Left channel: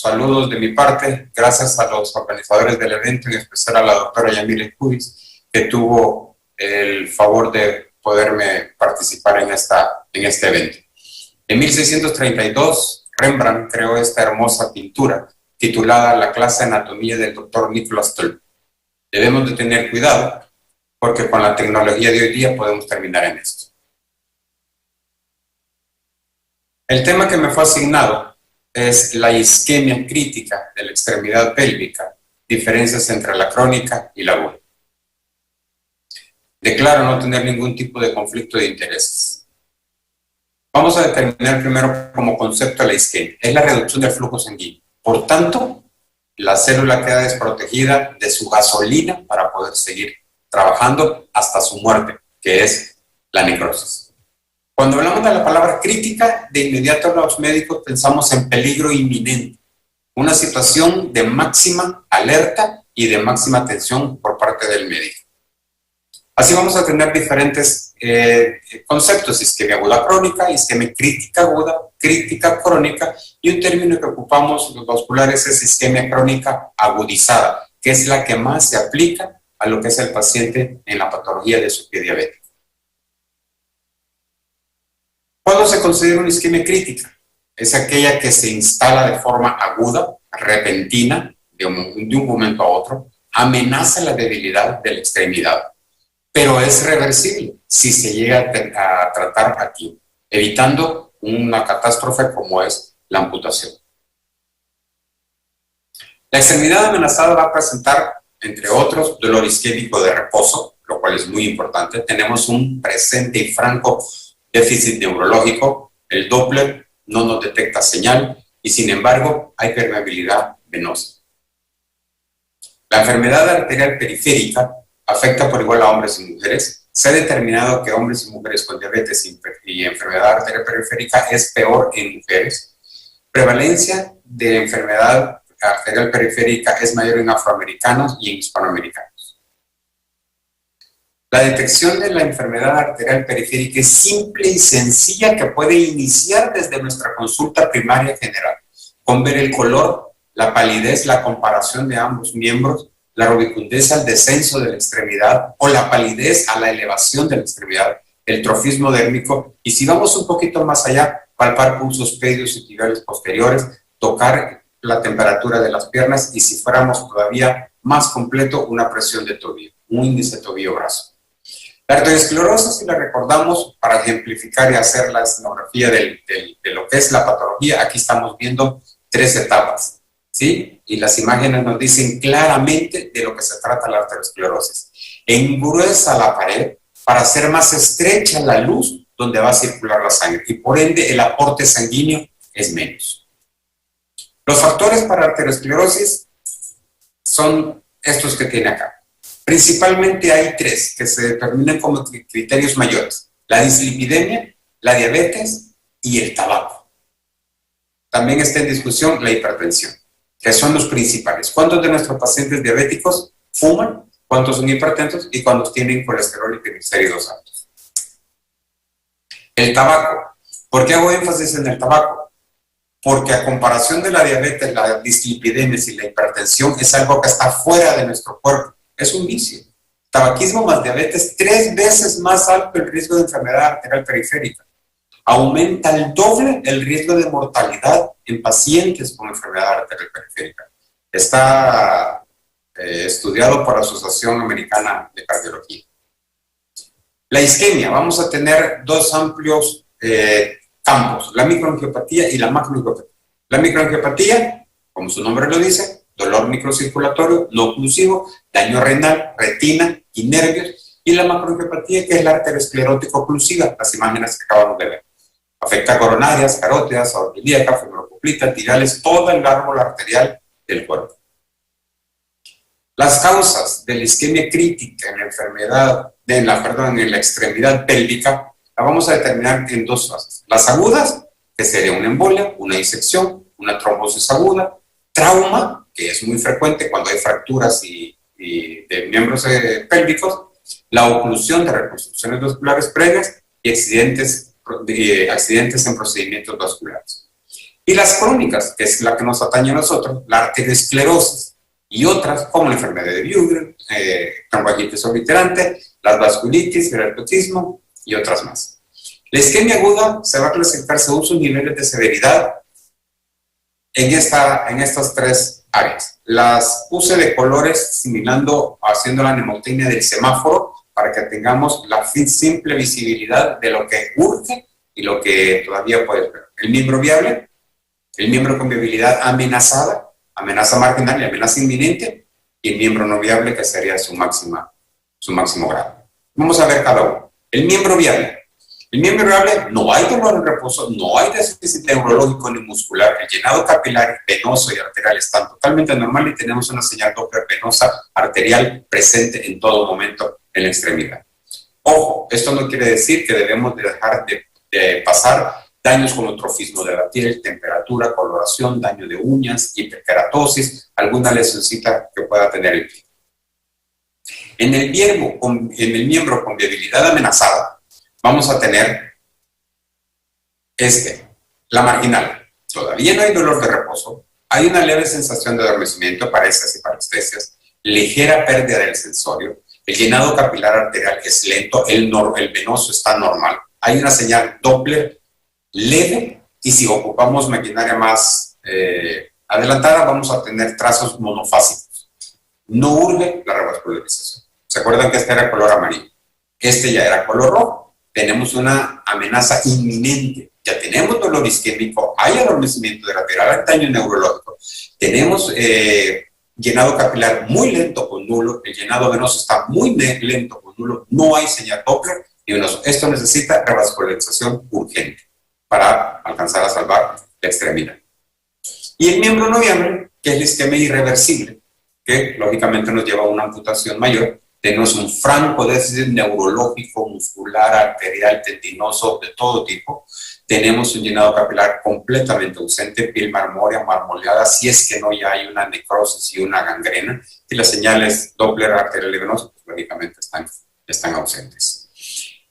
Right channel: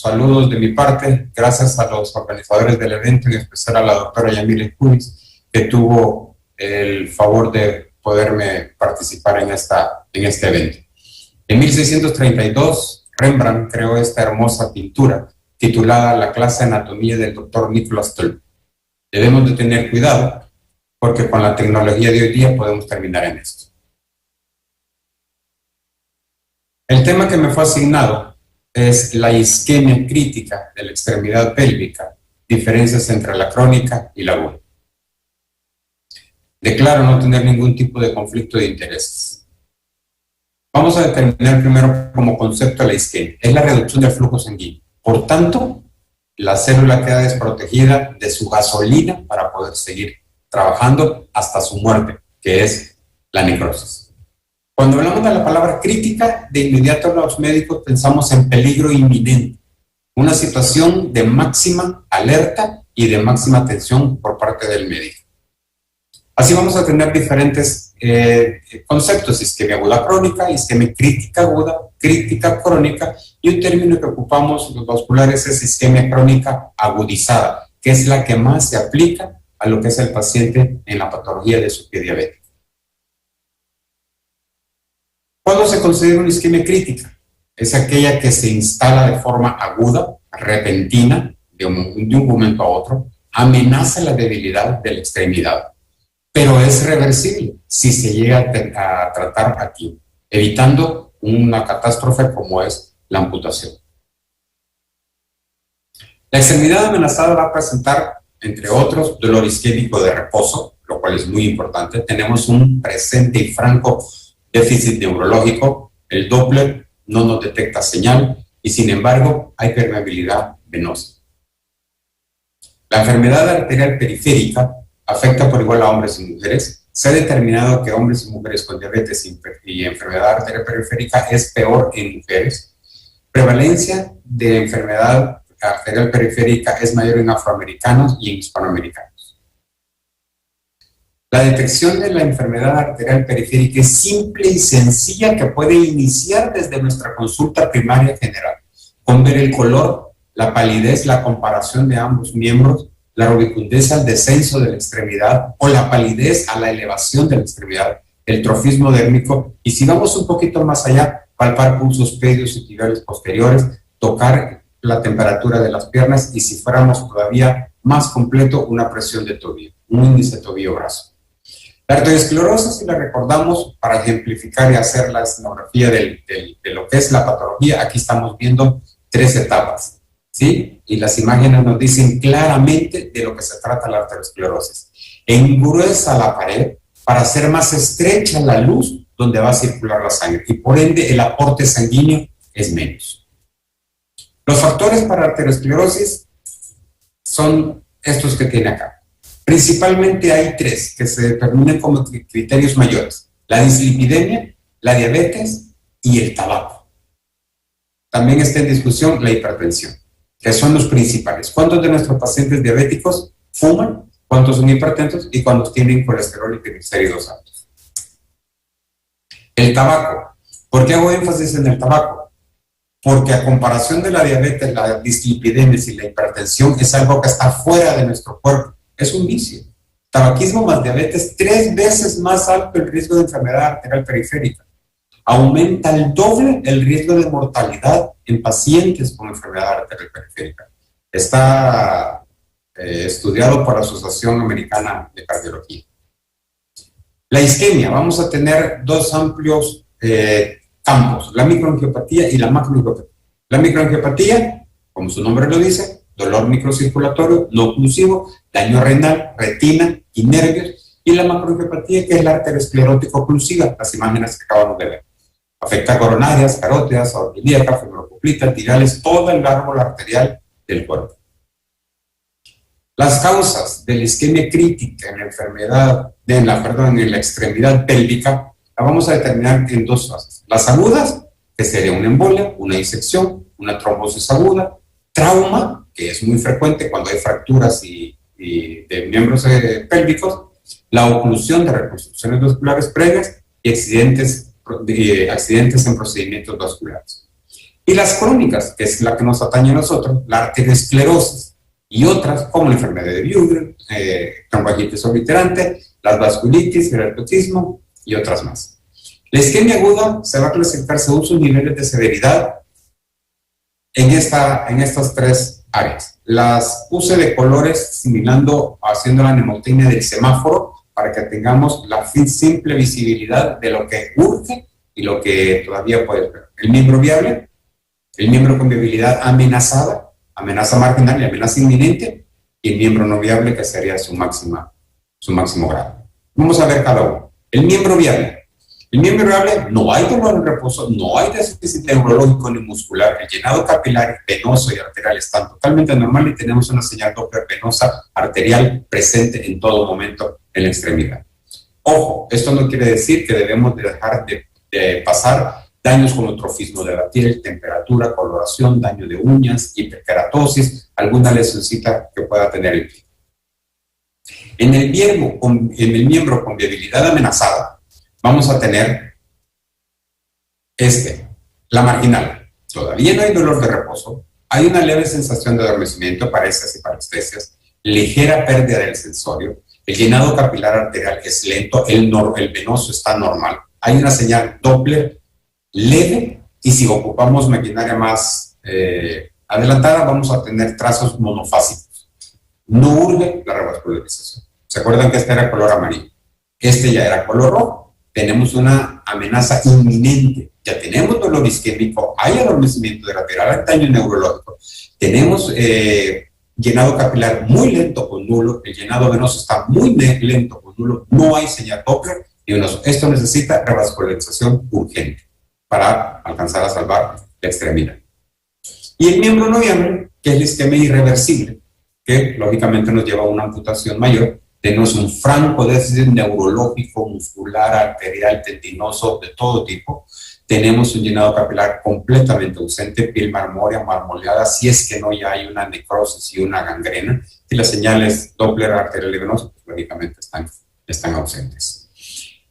saludos de mi parte, gracias a los organizadores del evento, en especial a la doctora Yamile Kunis, que tuvo el favor de poderme participar en este evento. En 1632, Rembrandt creó esta hermosa pintura titulada La clase de anatomía del doctor Nicolas Tulp. Debemos de tener cuidado porque con la tecnología de hoy día podemos terminar en esto. El tema que me fue asignado es la isquemia crítica de la extremidad pélvica, diferencias entre la crónica y la aguda. Declaro no tener ningún tipo de conflicto de intereses. Vamos a determinar primero como concepto la isquemia. Es la reducción del flujo sanguíneo. Por tanto, la célula queda desprotegida de su gasolina para poder seguir trabajando hasta su muerte, que es la necrosis. Cuando hablamos de la palabra crítica, de inmediato los médicos pensamos en peligro inminente, una situación de máxima alerta y de máxima atención por parte del médico. Así vamos a tener diferentes conceptos: isquemia aguda crónica, isquemia crítica aguda, crítica crónica, y un término que ocupamos los vasculares es isquemia crónica agudizada, que es la que más se aplica a lo que es el paciente en la patología de su pie diabético. ¿Cuándo se considera una isquemia crítica? Es aquella que se instala de forma aguda, repentina, de un momento a otro, amenaza la debilidad de la extremidad, pero es reversible si se llega a tratar aquí, evitando una catástrofe como es la amputación. La extremidad amenazada va a presentar, entre otros, dolor isquémico de reposo, lo cual es muy importante. Tenemos un presente y franco déficit neurológico, el Doppler no nos detecta señal y sin embargo hay permeabilidad venosa. La enfermedad arterial periférica afecta por igual a hombres y mujeres. Se ha determinado que hombres y mujeres con diabetes y enfermedad arterial periférica es peor en mujeres. Prevalencia de enfermedad arterial periférica es mayor en afroamericanos y en hispanoamericanos. La detección de la enfermedad arterial periférica es simple y sencilla, que puede iniciar desde nuestra consulta primaria general, con ver el color, la palidez, la comparación de ambos miembros, la rubicundez al descenso de la extremidad o la palidez a la elevación de la extremidad, el trofismo dérmico, y si vamos un poquito más allá, palpar pulsos pedios y tibiales posteriores, tocar la temperatura de las piernas y si fuéramos todavía más completo, una presión de tobillo, un índice tobillo-brazo. La arteriosclerosis, si la recordamos, para ejemplificar y hacer la escenografía de lo que es la patología, aquí estamos viendo 3 etapas, ¿sí? Y las imágenes nos dicen claramente de lo que se trata la arteriosclerosis. Engruesa la pared para hacer más estrecha la luz donde va a circular la sangre y por ende el aporte sanguíneo es menos. Los factores para arteriosclerosis son estos que tiene acá. Principalmente hay 3 que se determinan como criterios mayores: la dislipidemia, la diabetes y el tabaco. También está en discusión la hipertensión, que son los principales. ¿Cuántos de nuestros pacientes diabéticos fuman? ¿Cuántos son hipertensos? ¿Y cuántos tienen colesterol y triglicéridos altos? El tabaco. ¿Por qué hago énfasis en el tabaco? Porque a comparación de la diabetes, la dislipidemia y la hipertensión es algo que está fuera de nuestro cuerpo. Es un vicio. Tabaquismo más diabetes, 3 veces más alto el riesgo de enfermedad arterial periférica. Aumenta el doble el riesgo de mortalidad en pacientes con enfermedad arterial periférica. Está estudiado por la Asociación Americana de Cardiología. La isquemia, vamos a tener 2 amplios campos, la microangiopatía y la macroangiopatía. La microangiopatía, como su nombre lo dice, dolor microcirculatorio no oclusivo, daño renal, retina y nervios, y la macroangiopatía, que es la arteriosclerótica oclusiva, las imágenes que acabamos de ver. Afecta coronarias, carótidas, aorta ilíaca, femoropoplita, tirales, todo el árbol arterial del cuerpo. Las causas de la isquemia crítica en la enfermedad, en la extremidad pélvica, la vamos a determinar en 2 fases. Las agudas, que sería una embolia, una disección, una trombosis aguda, trauma, que es muy frecuente cuando hay fracturas y de miembros pélvicos, la oclusión de reconstrucciones vasculares previas y accidentes en procedimientos vasculares. Y las crónicas, que es la que nos atañe a nosotros, la arteriosclerosis y otras, como la enfermedad de Buerger, tromboangitis obliterante, las vasculitis, el herpetismo y otras más. La isquemia aguda se va a clasificar según sus niveles de severidad en estas tres áreas. Las puse de colores simulando, haciendo la mnemotecnia del semáforo para que tengamos la simple visibilidad de lo que urge y lo que todavía puede esperar. El miembro viable, el miembro con viabilidad amenazada, amenaza marginal y amenaza inminente, y el miembro no viable, que sería su máximo grado. Vamos a ver cada uno. El miembro viable. El miembro viable, no hay dolor en reposo, no hay déficit neurológico ni muscular, el llenado capilar, venoso y arterial están totalmente normal y tenemos una señal Doppler venosa arterial presente en todo momento en la extremidad. Ojo, esto no quiere decir que debemos de dejar de pasar daños como trofismo de la piel, temperatura, coloración, daño de uñas, hiperkeratosis, alguna lesioncita que pueda tener el pie. En el miembro con viabilidad amenazada, vamos a tener la marginal. Todavía no hay dolor de reposo, hay una leve sensación de adormecimiento, parálisis y parestesias, ligera pérdida del sensorio, el llenado capilar arterial es lento, el venoso está normal, hay una señal Doppler leve, y si ocupamos maquinaria más adelantada, vamos a tener trazos monofásicos. No urge la revascularización. ¿Se acuerdan que este era color amarillo? Este ya era color rojo. Tenemos una amenaza inminente. Ya tenemos dolor isquémico, hay adormecimiento lateral, hay daño neurológico. Tenemos llenado capilar muy lento o nulo, el llenado venoso está muy lento o nulo, no hay señal Doppler y venoso. Esto necesita revascularización urgente para alcanzar a salvar la extremidad. Y el miembro no viable, que es la isquemia irreversible, que lógicamente nos lleva a una amputación mayor. Tenemos un franco déficit neurológico, muscular, arterial, tendinoso, de todo tipo. Tenemos un llenado capilar completamente ausente, piel marmoleada, si es que no ya hay una necrosis y una gangrena. Y las señales Doppler, arterial y venoso, pues lógicamente están ausentes.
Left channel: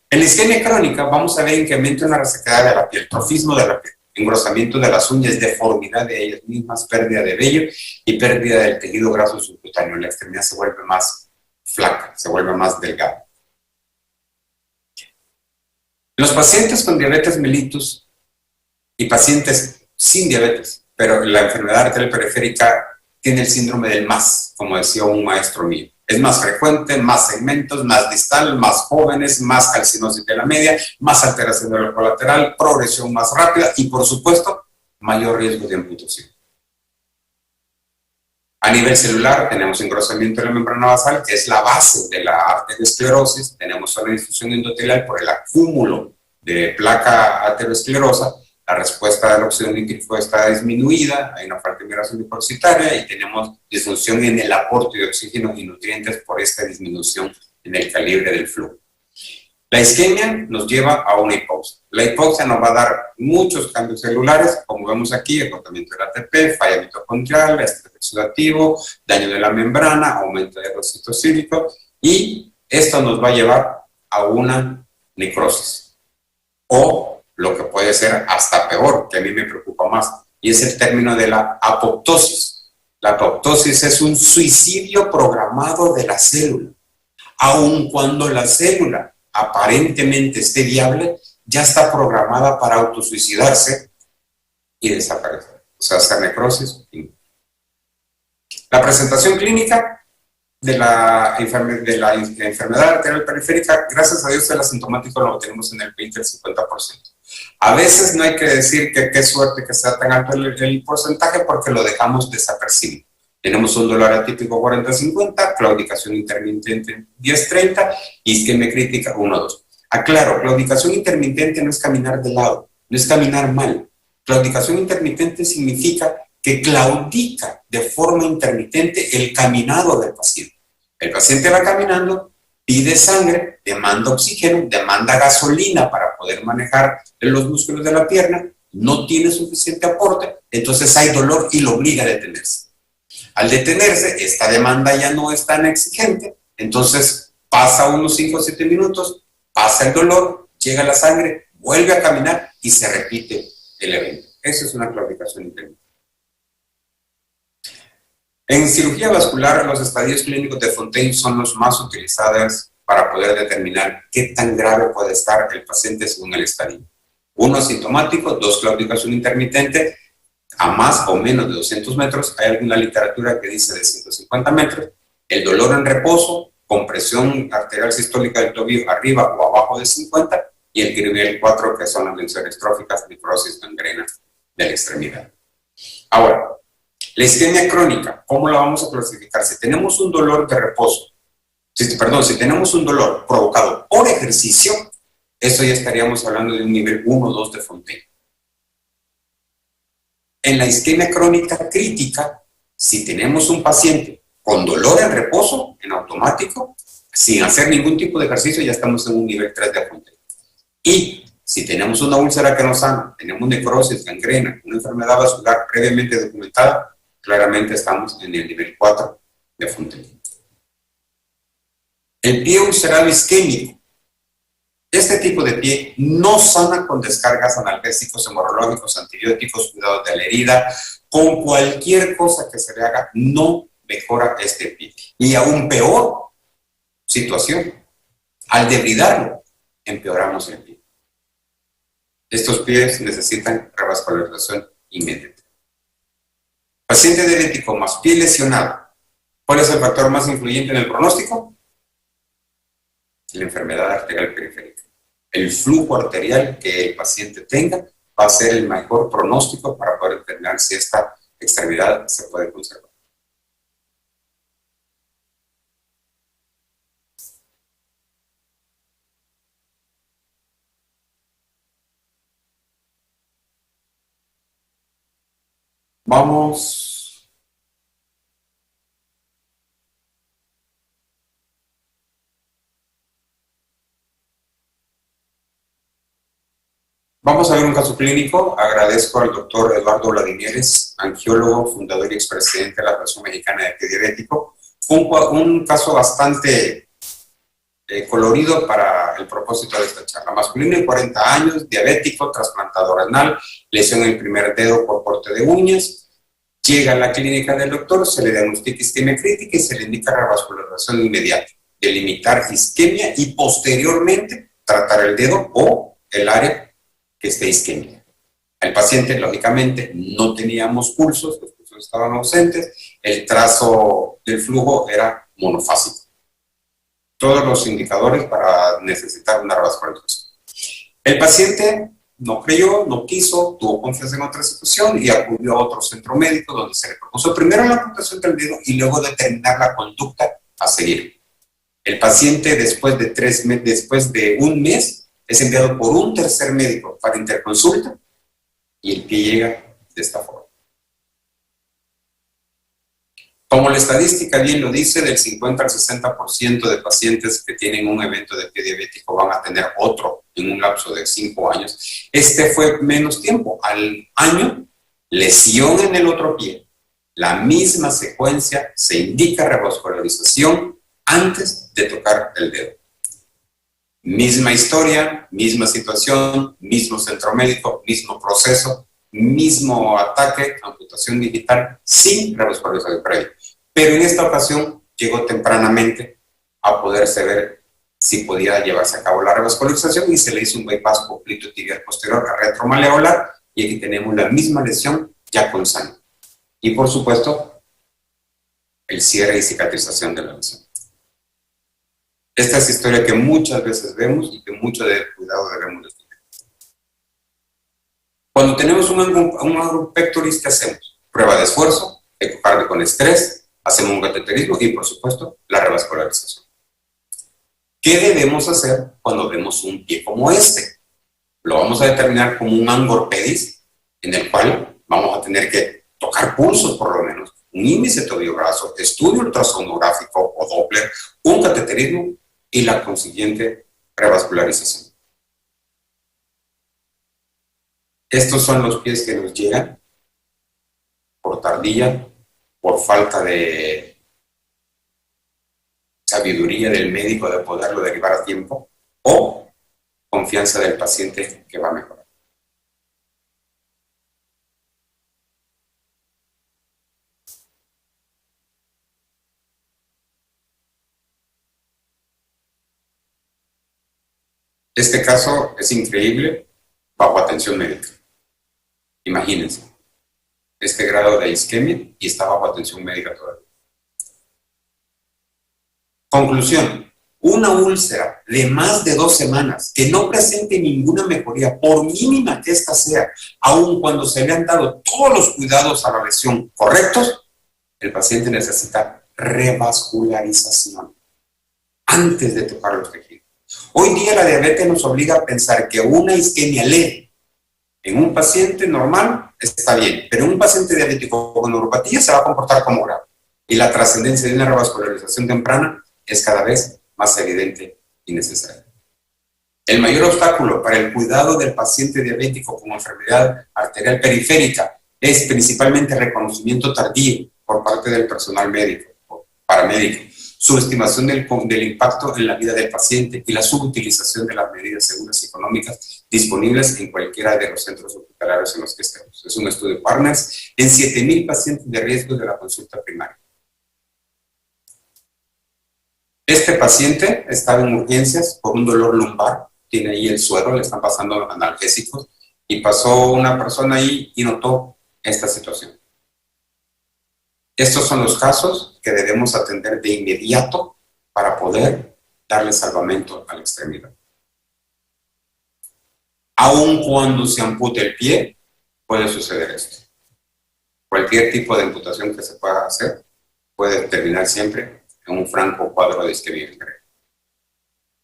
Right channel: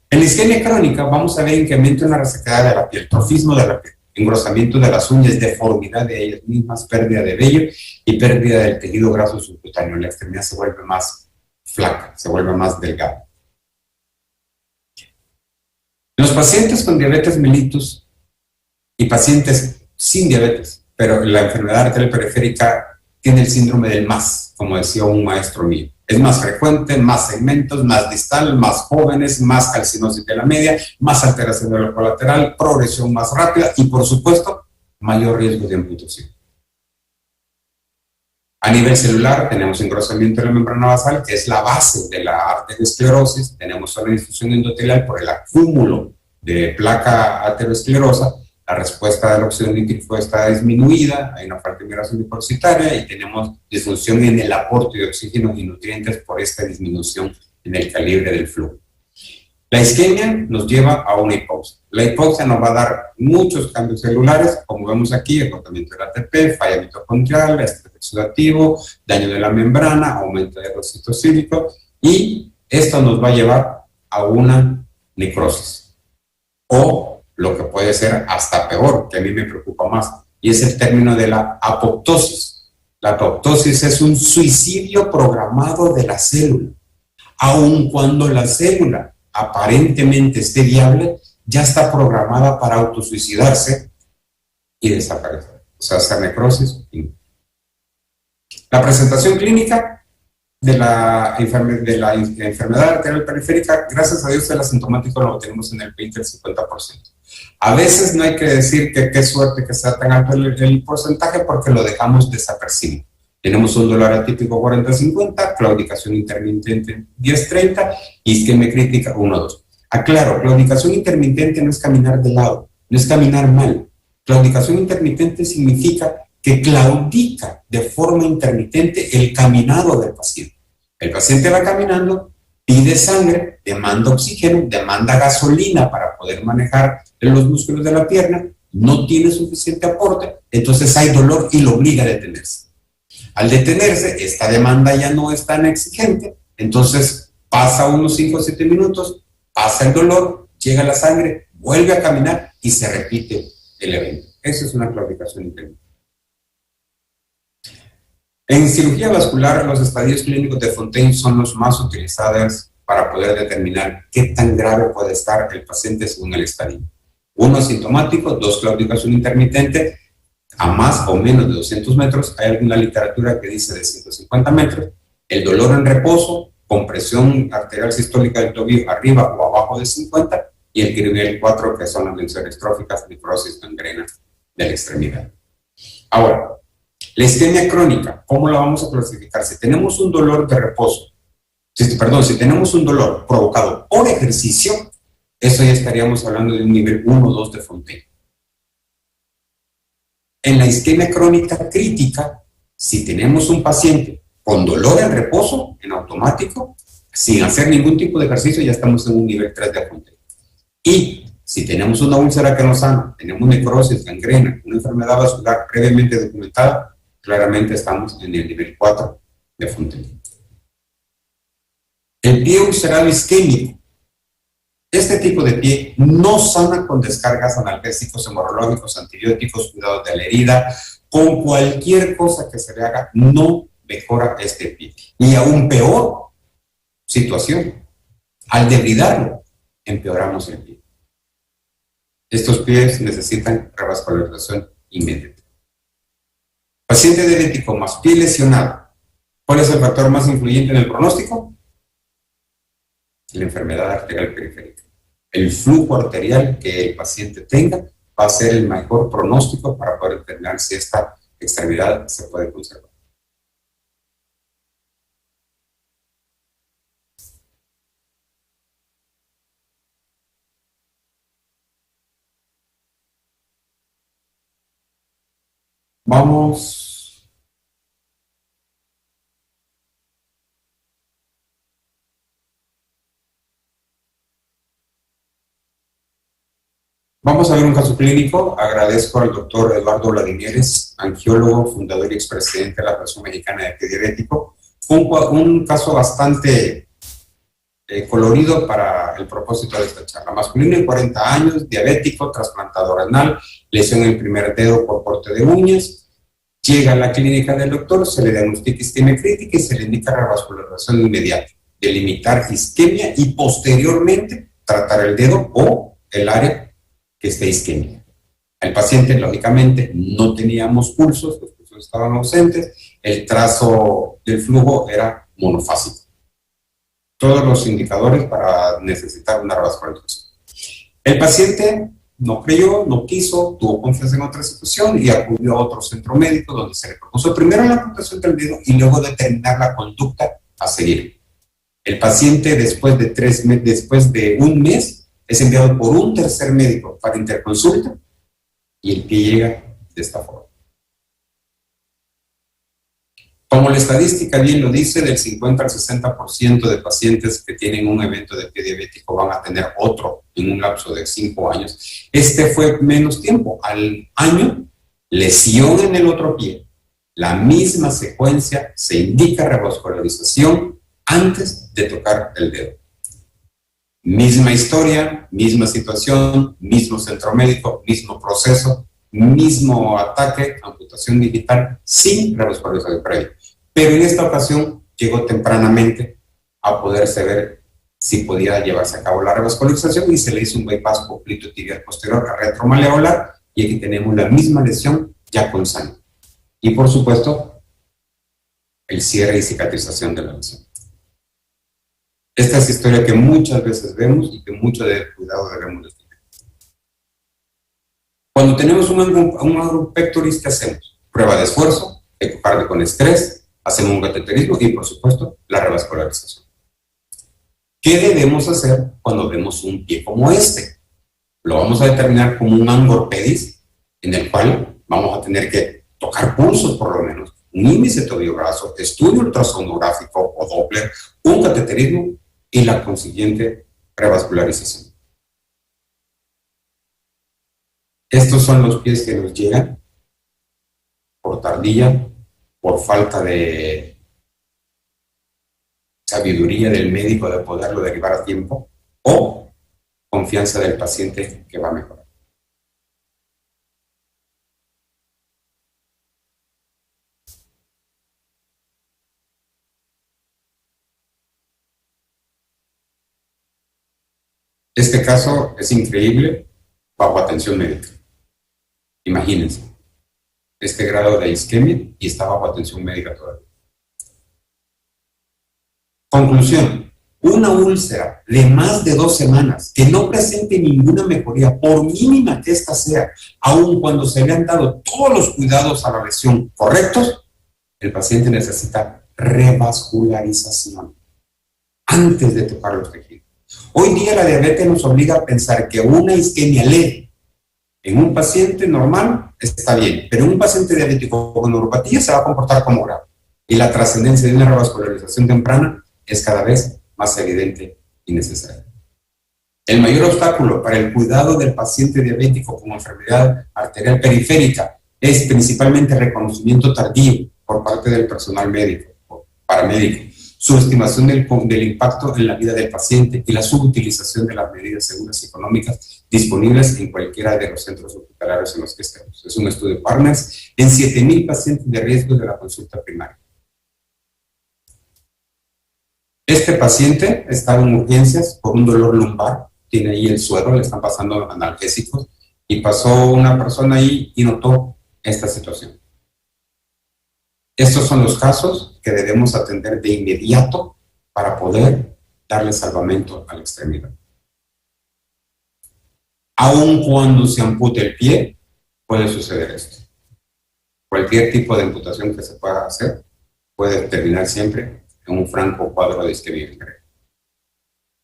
En la isquemia crónica vamos a ver incremento en la resequedad de la piel, trofismo de la piel, engrosamiento de las uñas, deformidad de ellas mismas, pérdida de vello y pérdida del tejido graso subcutáneo. La extremidad se vuelve más flaca, se vuelve más delgada. Los pacientes con diabetes mellitus y pacientes sin diabetes, pero la enfermedad arterial periférica tiene el síndrome del MAS, como decía un maestro mío. Es más frecuente, más segmentos, más distal, más jóvenes, más calcinosis de la media, más alteración de la colateral, progresión más rápida y, por supuesto, mayor riesgo de amputación. A nivel celular, tenemos engrosamiento de la membrana basal, que es la base de la arteriosclerosis. Tenemos una difusión endotelial por el acúmulo de placa aterosclerosa. La respuesta de la oxígeno nítrico está disminuida, hay una falta de migración depositaria y tenemos disfunción en el aporte de oxígeno y nutrientes por esta disminución en el calibre del flujo. La isquemia nos lleva a una hipoxia. La hipoxia nos va a dar muchos cambios celulares, como vemos aquí, agotamiento del ATP, falla mitocondrial, estrés oxidativo, daño de la membrana, aumento del óxido cítrico, y esto nos va a llevar a una necrosis. O lo que puede ser hasta peor, que a mí me preocupa más, y es el término de la apoptosis. La apoptosis es un suicidio programado de la célula. Aun cuando la célula aparentemente esté viable, ya está programada para autosuicidarse y desaparecer. O sea, hacer necrosis. La presentación clínica de la enfermedad arterial periférica, gracias a Dios, el asintomático lo tenemos en el 20 al 50%. A veces no hay que decir que qué suerte que sea tan alto el porcentaje porque lo dejamos desapercibido. Tenemos un dolor atípico 40-50, claudicación intermitente 10-30, isquemia crítica 1-2. Aclaro, claudicación intermitente no es caminar de lado, no es caminar mal. Claudicación intermitente significa que claudica de forma intermitente el caminado del paciente. El paciente va caminando, pide sangre, demanda oxígeno, demanda gasolina para poder manejar los músculos de la pierna, no tiene suficiente aporte, entonces hay dolor y lo obliga a detenerse. Al detenerse, esta demanda ya no es tan exigente, entonces pasa unos 5 o 7 minutos, pasa el dolor, llega la sangre, vuelve a caminar y se repite el evento. Eso es una claudicación intermitente. En cirugía vascular, los estadios clínicos de Fontaine son los más utilizados para poder determinar qué tan grave puede estar el paciente según el estadio. 1 asintomático, 2 claudicación intermitente, a más o menos de 200 metros. Hay alguna literatura que dice de 150 metros. El dolor en reposo, con presión arterial sistólica del tobillo arriba o abajo de 50, y el nivel 4, que son las lesiones tróficas, necrosis, gangrena de la extremidad. Ahora, la isquemia crónica, ¿cómo la vamos a clasificar? Si tenemos un dolor de reposo, si tenemos un dolor provocado por ejercicio, eso ya estaríamos hablando de un nivel 1 o 2 de Fontaine. En la isquemia crónica crítica, si tenemos un paciente con dolor en reposo, en automático, sin hacer ningún tipo de ejercicio, ya estamos en un nivel 3 de Fontaine. Y si tenemos una úlcera que no sana, tenemos necrosis, gangrena, una enfermedad vascular previamente documentada, claramente estamos en el nivel 4 de Fontaine. El pie ulcerado isquémico. Este tipo de pie no sana con descargas analgésicos, hemorrológicos, antibióticos, cuidados de la herida. Con cualquier cosa que se le haga, no mejora este pie. Y aún peor situación, al debridarlo, empeoramos el pie. Estos pies necesitan revascularización inmediata. Paciente diabético más pie lesionado. ¿Cuál es el factor más influyente en el pronóstico? La enfermedad arterial periférica. El flujo arterial que el paciente tenga va a ser el mejor pronóstico para poder determinar si esta extremidad se puede conservar. Vamos a ver un caso clínico. Agradezco al doctor Eduardo Vladimires, angiólogo, fundador y expresidente de la Asociación Mexicana de Pie Diabético. Un caso bastante colorido para el propósito de esta charla. Masculino de 40 años, diabético, trasplantado renal, lesión en el primer dedo por corte de uñas. Llega a la clínica del doctor, se le diagnostica isquemia crítica y se le indica revascularización inmediata, delimitar isquemia y posteriormente tratar el dedo o el área que esté isquémica. El paciente, lógicamente, no teníamos pulsos, los pulsos estaban ausentes, el trazo del flujo era monofásico. Todos los indicadores para necesitar una revascularización. El paciente no creyó, no quiso, tuvo confianza en otra situación y acudió a otro centro médico donde se le propuso primero la amputación del dedo y luego determinar la conducta a seguir. El paciente, después de un mes, es enviado por un tercer médico para interconsulta y el pie llega de esta forma. Como la estadística bien lo dice, del 50 al 60% de pacientes que tienen un evento de pie diabético van a tener otro en un lapso de 5 años. Este fue menos tiempo. Al año, lesión en el otro pie. La misma secuencia, se indica revascularización antes de tocar el dedo. Misma historia, misma situación, mismo centro médico, mismo proceso, mismo ataque, amputación digital, sin revascularización previa. Pero en esta ocasión llegó tempranamente a poderse ver si podía llevarse a cabo la revascularización y se le hizo un bypass poplito tibial posterior a retromaleolar y aquí tenemos la misma lesión ya con sangre. Y por supuesto, el cierre y cicatrización de la lesión. Esta es historia que muchas veces vemos y que mucho de cuidado debemos tener. Cuando tenemos un ángulo pectoris, ¿qué hacemos? Prueba de esfuerzo, ecocardio con estrés, hacemos un cateterismo y, por supuesto, la revascularización. ¿Qué debemos hacer cuando vemos un pie como este? Lo vamos a determinar como un angorpedis, en el cual vamos a tener que tocar pulsos, por lo menos, un índice tobillo-brazo, estudio ultrasonográfico o Doppler, un cateterismo y la consiguiente revascularización. Estos son los pies que nos llegan por tardía, por falta de sabiduría del médico de poderlo derivar a tiempo o confianza del paciente que va a mejorar. Este caso es increíble bajo atención médica. Imagínense, este grado de isquemia y está bajo atención médica todavía. Conclusión, una úlcera de más de 2 semanas que no presente ninguna mejoría, por mínima que ésta sea, aun cuando se le han dado todos los cuidados a la lesión correctos, el paciente necesita revascularización antes de tocar los tejidos. Hoy día la diabetes nos obliga a pensar que una isquemia leve en un paciente normal está bien, pero en un paciente diabético con neuropatía se va a comportar como grave. Y la trascendencia de una revascularización temprana es cada vez más evidente y necesaria. El mayor obstáculo para el cuidado del paciente diabético con enfermedad arterial periférica es principalmente el reconocimiento tardío por parte del personal médico o paramédico, subestimación del impacto en la vida del paciente y la subutilización de las medidas seguras y económicas disponibles en cualquiera de los centros hospitalarios en los que estemos. Es un estudio Partners en 7,000 pacientes de riesgo de la consulta primaria. Este paciente estaba en urgencias por un dolor lumbar, tiene ahí el suero, le están pasando analgésicos, y pasó una persona ahí y notó esta situación. Estos son los casos que debemos atender de inmediato para poder darle salvamento a la extremidad. Aun cuando se ampute el pie, puede suceder esto. Cualquier tipo de amputación que se pueda hacer puede terminar siempre en un franco cuadro de isquemia grave.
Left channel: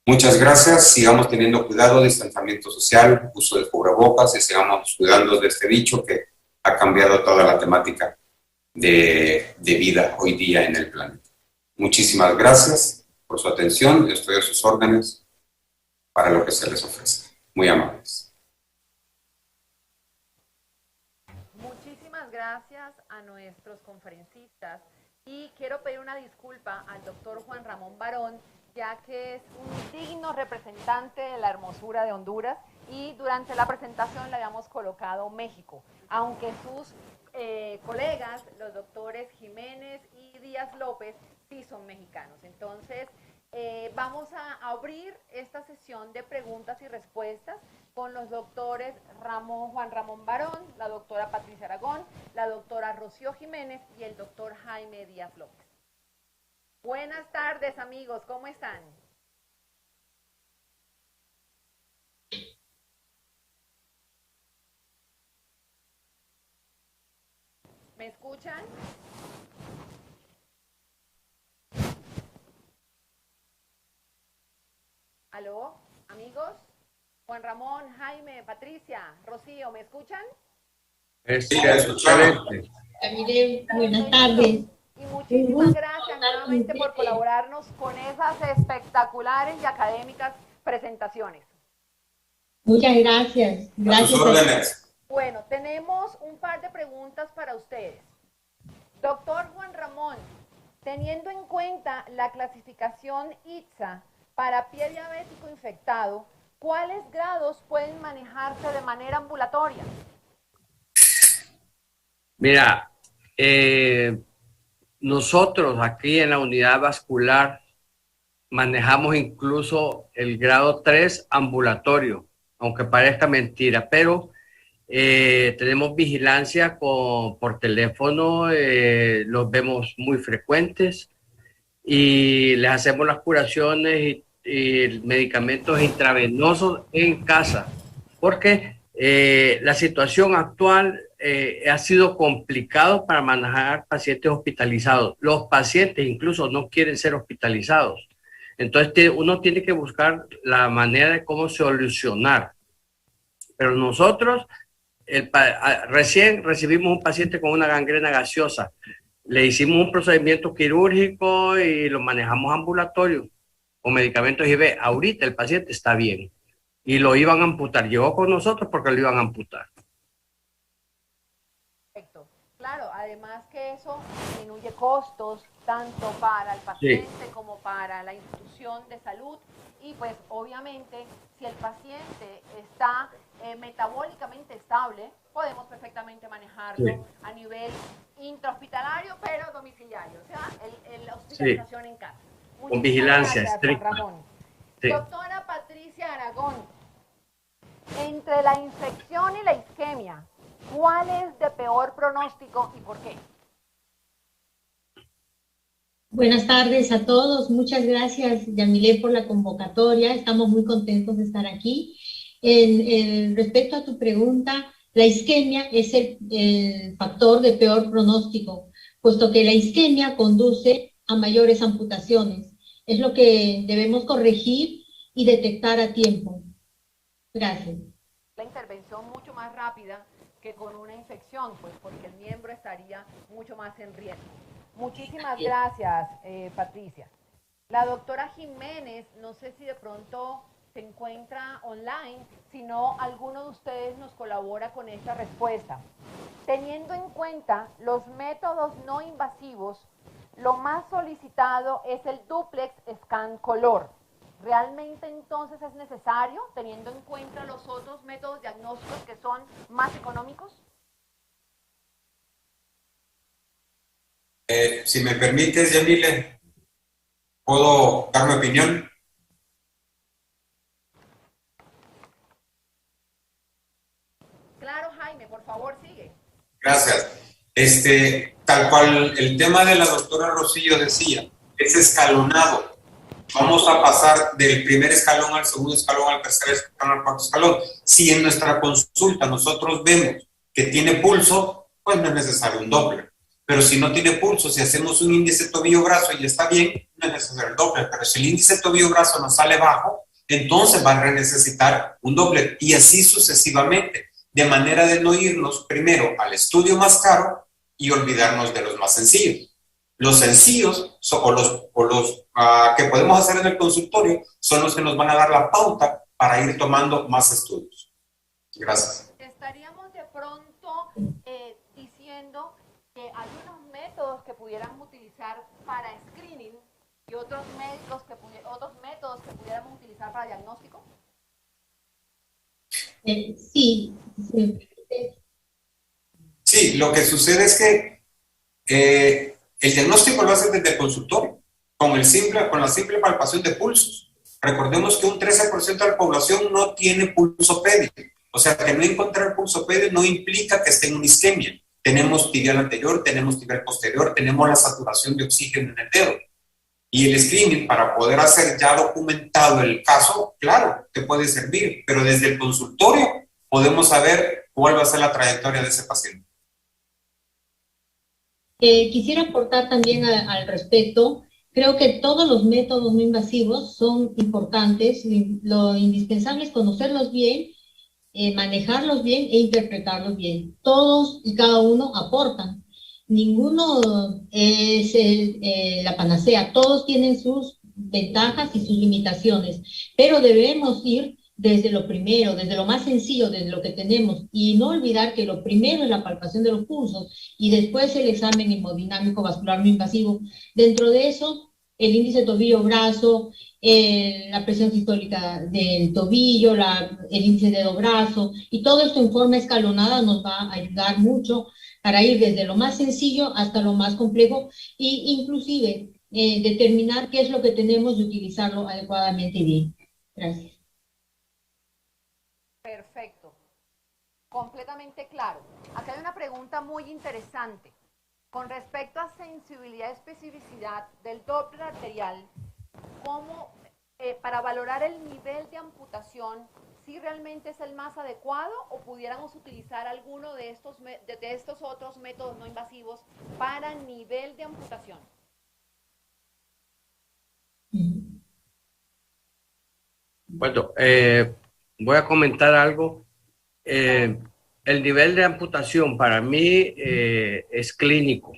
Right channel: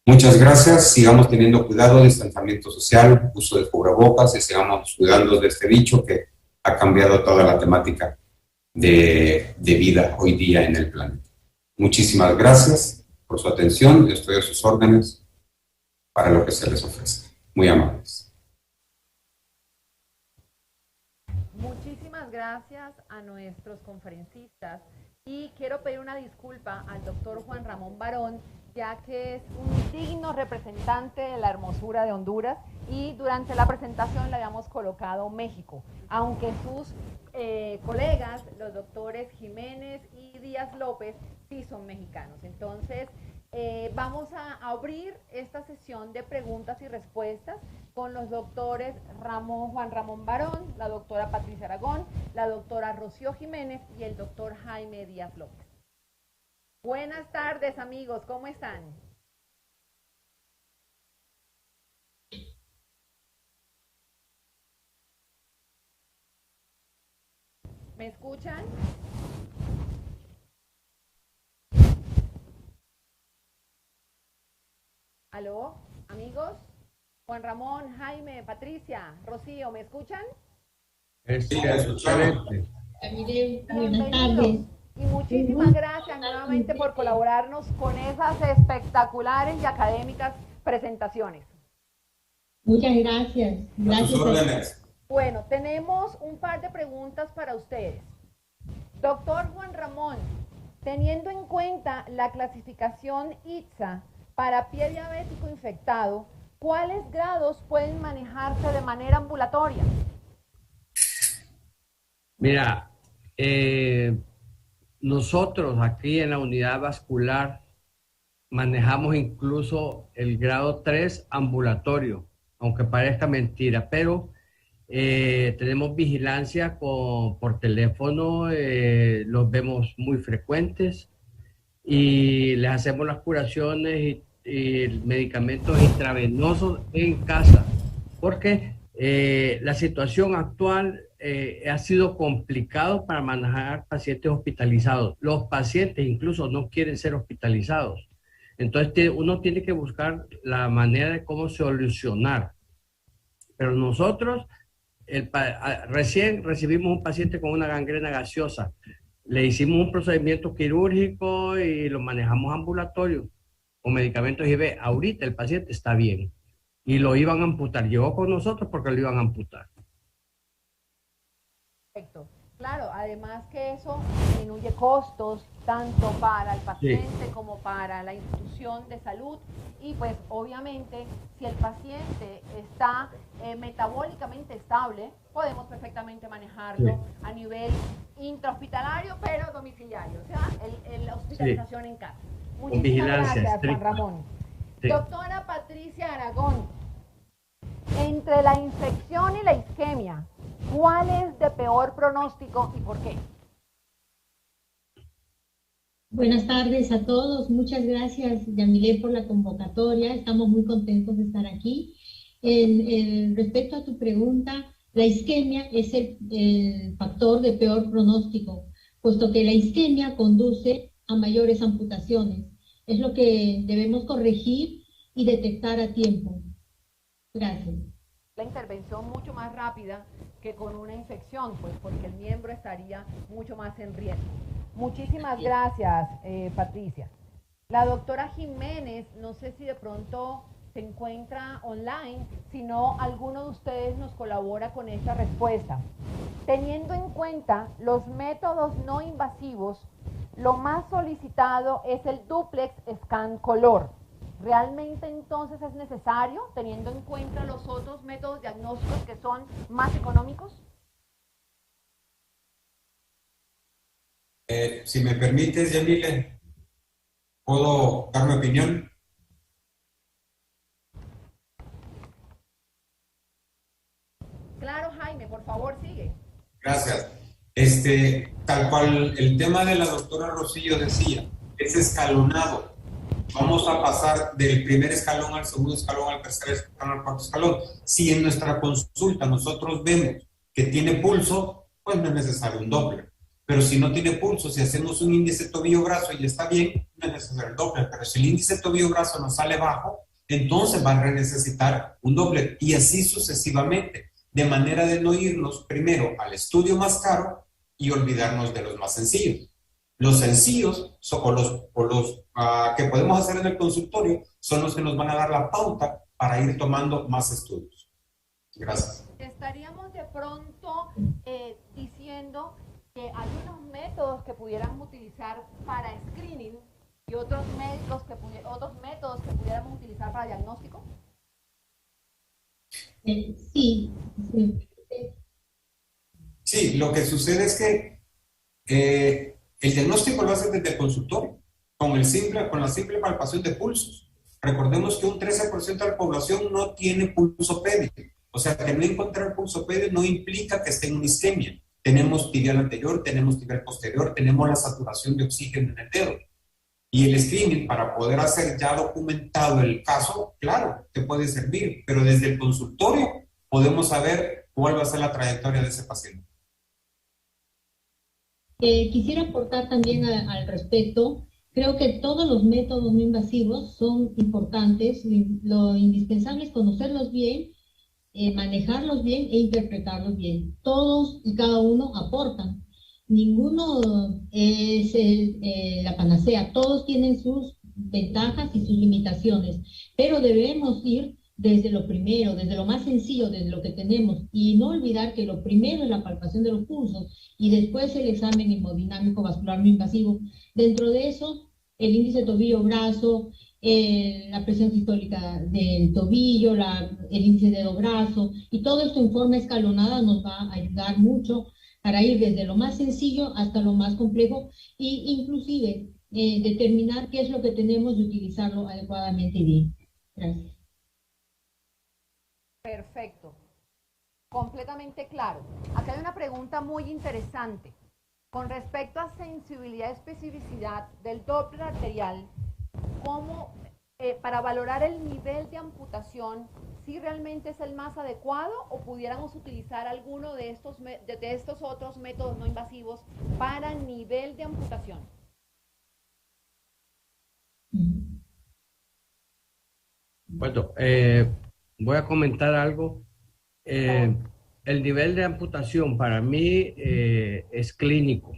Muchas gracias, sigamos teniendo cuidado, distanciamiento social, uso de cubrebocas y sigamos cuidando de este bicho que ha cambiado toda la temática de vida hoy día en el planeta. Muchísimas gracias por su atención, estoy a sus órdenes para lo que se les ofrece. Muy amables. Muchísimas gracias a nuestros conferencistas. Y quiero pedir una disculpa al doctor Juan Ramón Barón, ya que es un digno representante de la hermosura de Honduras y durante la presentación le habíamos colocado México, aunque sus colegas, los doctores Jiménez y Díaz López, sí son mexicanos. Entonces, vamos a abrir esta sesión de preguntas y respuestas con los doctores Juan Ramón Barón, la doctora Patricia Aragón, la doctora Rocío Jiménez y el doctor Jaime Díaz López. Buenas tardes, amigos, ¿cómo están? ¿Me escuchan? ¿Aló, amigos? Juan Ramón, Jaime, Patricia, Rocío, ¿me escuchan? Sí, excelente. Buenas tardes. Y muchísimas gracias nuevamente por colaborarnos con esas espectaculares y académicas presentaciones. Muchas gracias. Gracias. A sus órdenes. Bueno, tenemos un par de preguntas para ustedes. Doctor Juan Ramón, teniendo en cuenta la clasificación ITSA para pie diabético infectado, ¿cuáles grados pueden manejarse de manera ambulatoria? Mira, nosotros aquí en la unidad vascular manejamos incluso el grado 3 ambulatorio, aunque parezca mentira, pero tenemos vigilancia por teléfono, los vemos muy frecuentes y les hacemos las curaciones y medicamentos intravenosos en casa, porque la situación actual ha sido complicado para manejar pacientes hospitalizados. Los pacientes incluso no quieren ser hospitalizados. Entonces uno tiene que buscar la manera de cómo solucionar. Pero nosotros recién recibimos un paciente con una gangrena gaseosa. Le hicimos un procedimiento quirúrgico y lo manejamos ambulatorio con medicamentos IV. Ahorita el paciente está bien y lo iban a amputar. Llegó con nosotros porque lo iban a amputar. Perfecto. Claro, además que eso disminuye costos tanto para el paciente como para la institución de salud y pues obviamente si el paciente está metabólicamente estable, podemos perfectamente manejarlo a nivel intrahospitalario pero domiciliario, o sea, la hospitalización en casa. Con vigilancia gracias, estricta. Juan Ramón. Sí. Doctora Patricia Aragón, entre la infección y la isquemia, ¿cuál es de peor pronóstico y por qué? Buenas tardes a todos. Muchas gracias, Yamile, por la convocatoria. Estamos muy contentos de estar aquí. Respecto a tu pregunta, la isquemia es el factor de peor pronóstico, puesto que la isquemia conduce a mayores amputaciones. Es lo que debemos corregir y detectar a tiempo. Gracias. La intervención mucho más rápida que con una infección, pues porque el miembro estaría mucho más en riesgo. Muchísimas gracias, Patricia. La doctora Jiménez, no sé si de pronto se encuentra online, si no, alguno de ustedes nos colabora con esta respuesta. Teniendo en cuenta los métodos no invasivos, lo más solicitado es el duplex scan color. ¿Realmente entonces es necesario, teniendo en cuenta los otros métodos diagnósticos que son más económicos? Si me permites, Yamile, ¿puedo dar mi opinión? Claro, Jaime, por favor, sigue. Gracias. Tal cual el tema de la doctora Rosillo decía, es escalonado. Vamos a pasar del primer escalón al segundo escalón, al tercer escalón, al cuarto escalón. Si en nuestra consulta nosotros vemos que tiene pulso, pues no es necesario un Doppler. Pero si no tiene pulso, si hacemos un índice tobillo-brazo y está bien, no es necesario el Doppler. Pero si el índice tobillo-brazo nos sale bajo, entonces va a necesitar un Doppler y así sucesivamente, de manera de no irnos primero al estudio más caro y olvidarnos de los más sencillos. Los sencillos o los que podemos hacer en el consultorio son los que nos van a dar la pauta para ir tomando más estudios. Gracias. Estaríamos de pronto diciendo que hay unos métodos que pudiéramos utilizar para screening y otros métodos que pudiéramos utilizar para diagnóstico. Sí. Sí, lo que sucede es que el diagnóstico lo hace desde el consultorio, con la simple palpación de pulsos. Recordemos que un 13% de la población no tiene pulsopedia. O sea, que no encontrar pulsopedia no implica que esté en una isquemia. Tenemos tibial anterior, tenemos tibial posterior, tenemos la saturación de oxígeno en el dedo. Y el screening, para poder hacer ya documentado el caso, claro, te puede servir, pero desde el consultorio podemos saber cuál va a ser la trayectoria de ese paciente. Quisiera aportar también al respecto. Creo que todos los métodos no invasivos son importantes. Lo indispensable es conocerlos bien, manejarlos bien e interpretarlos bien. Todos y cada uno aportan. Ninguno es la panacea. Todos tienen sus ventajas y sus limitaciones, pero debemos ir desde lo primero, desde lo más sencillo, desde lo que tenemos, y no olvidar que lo primero es la palpación de los pulsos y después el examen hemodinámico vascular no invasivo. Dentro de eso, el índice tobillo-brazo, la presión sistólica del tobillo, el índice dedo-brazo, y todo esto en forma escalonada nos va a ayudar mucho para ir desde lo más sencillo hasta lo más complejo e inclusive determinar qué es lo que tenemos y utilizarlo adecuadamente y bien. Gracias. Perfecto. Completamente claro. Acá hay una pregunta muy interesante. Con respecto a sensibilidad y especificidad del Doppler arterial, ¿cómo, para valorar el nivel de amputación, si realmente es el más adecuado o pudiéramos utilizar alguno de estos otros métodos no invasivos para nivel de amputación? Bueno, voy a comentar algo. El nivel de amputación para mí es clínico.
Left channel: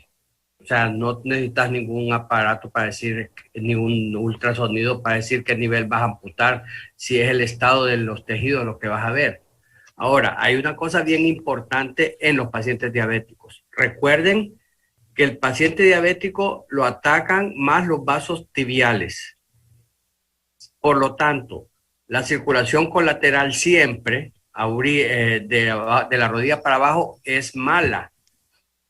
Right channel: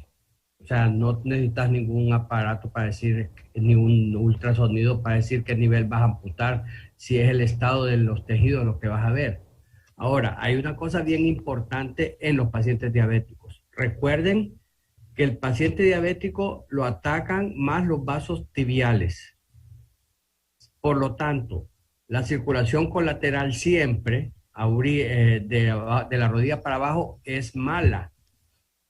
O sea, no necesitas ningún aparato para decir, ni un ultrasonido para decir qué nivel vas a amputar, si es el estado de los tejidos lo que vas a ver. Ahora, hay una cosa bien importante en los pacientes diabéticos. Recuerden que el paciente diabético lo atacan más los vasos tibiales. Por lo tanto, la circulación colateral siempre de la rodilla para abajo es mala.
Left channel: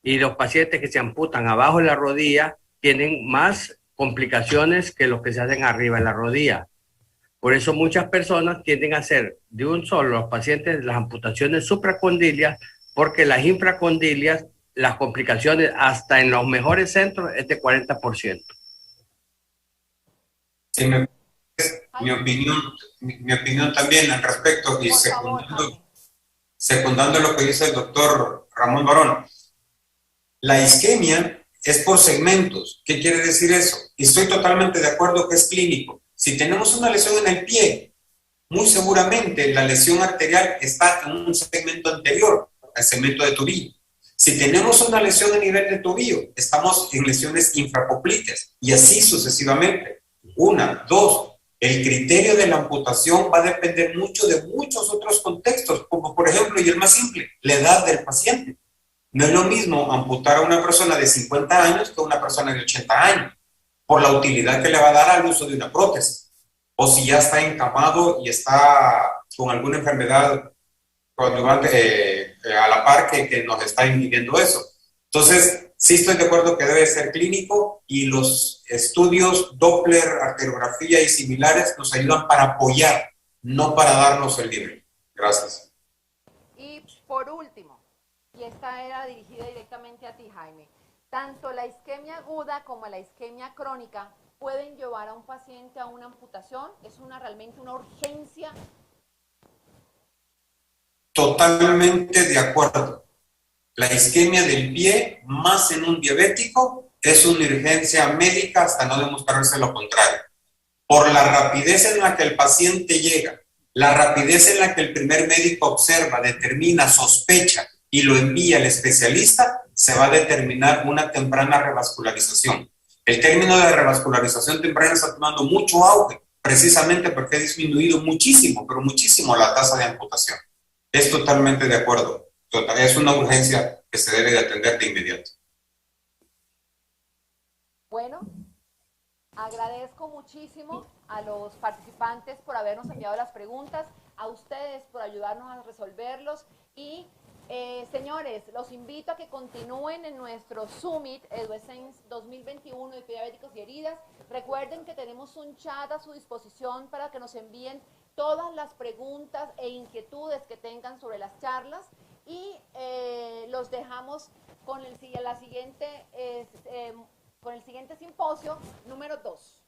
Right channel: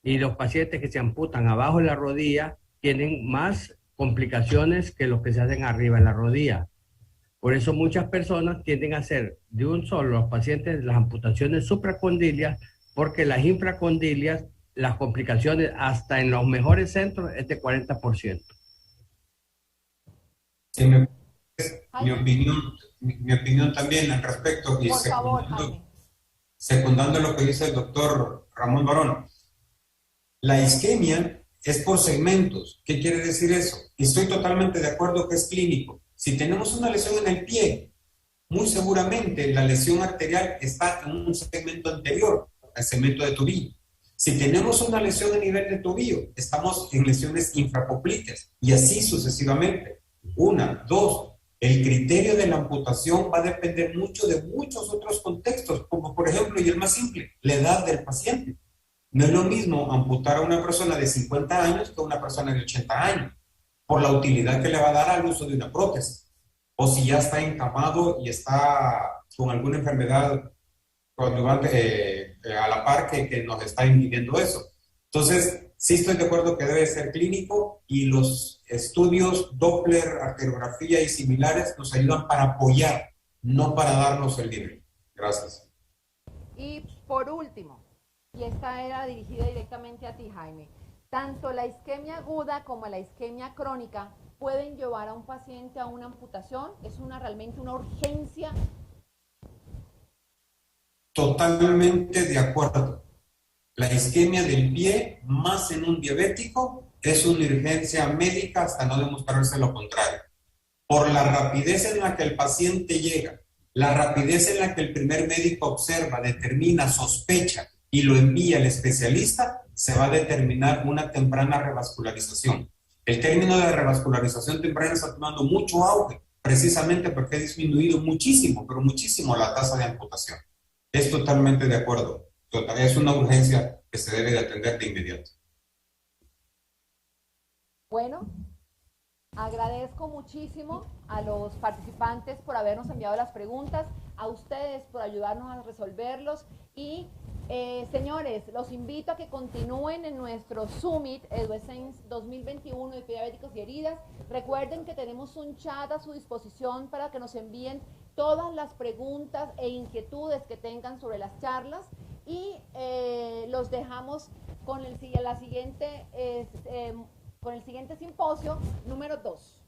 Y los pacientes que se amputan abajo de la rodilla tienen más complicaciones que los que se hacen arriba de la rodilla. Por eso muchas personas tienden a hacer de un solo los pacientes las amputaciones supracondilias, porque las infracondilias, las complicaciones hasta en los mejores centros es de 40%. Sí, mi opinión también al respecto, y secundando lo que dice el doctor Ramón Barón. La isquemia es por segmentos. ¿Qué quiere decir eso? Y estoy totalmente de acuerdo que es clínico. Si tenemos una lesión en el pie, muy seguramente la lesión arterial está en un segmento anterior al segmento de tobillo. Si tenemos una lesión a nivel de tobillo, estamos en lesiones infrapopliteas y así sucesivamente. Una, dos. El criterio de la amputación va a depender mucho de muchos otros contextos, como por ejemplo, y el más simple, la edad del paciente. No es lo mismo amputar a una persona de 50 años que a una persona de 80 años, por la utilidad que le va a dar al uso de una prótesis. O si ya está encamado y está con alguna enfermedad coadyuvante, a la par que nos está impidiendo eso. Entonces, sí estoy de acuerdo que debe ser clínico y los estudios Doppler, arteriografía y similares nos ayudan para apoyar, no para darnos el libre. Gracias. Y por último, y esta era dirigida directamente a ti, Jaime, tanto la isquemia aguda como la isquemia crónica pueden llevar a un paciente a una amputación. ¿Es realmente una urgencia? Totalmente de acuerdo. La isquemia del pie, más en un diabético, es una urgencia médica hasta no demostrarse lo contrario. Por la rapidez en la que el paciente llega, la rapidez en la que el primer médico observa, determina, sospecha y lo envía al especialista, se va a determinar una temprana revascularización. El término de revascularización temprana está tomando mucho auge, precisamente porque ha disminuido muchísimo, pero muchísimo la tasa de amputación. Es totalmente de acuerdo. Es una urgencia que se debe de atender de inmediato. Bueno, agradezco muchísimo a los participantes por habernos enviado las preguntas, a ustedes por ayudarnos a resolverlos y señores, los invito a que continúen en nuestro Summit EduEssense 2021 de diabéticos y heridas. Recuerden que tenemos un chat a su disposición para que nos envíen todas las preguntas e inquietudes que tengan sobre las charlas y los dejamos con el siguiente simposio número 2.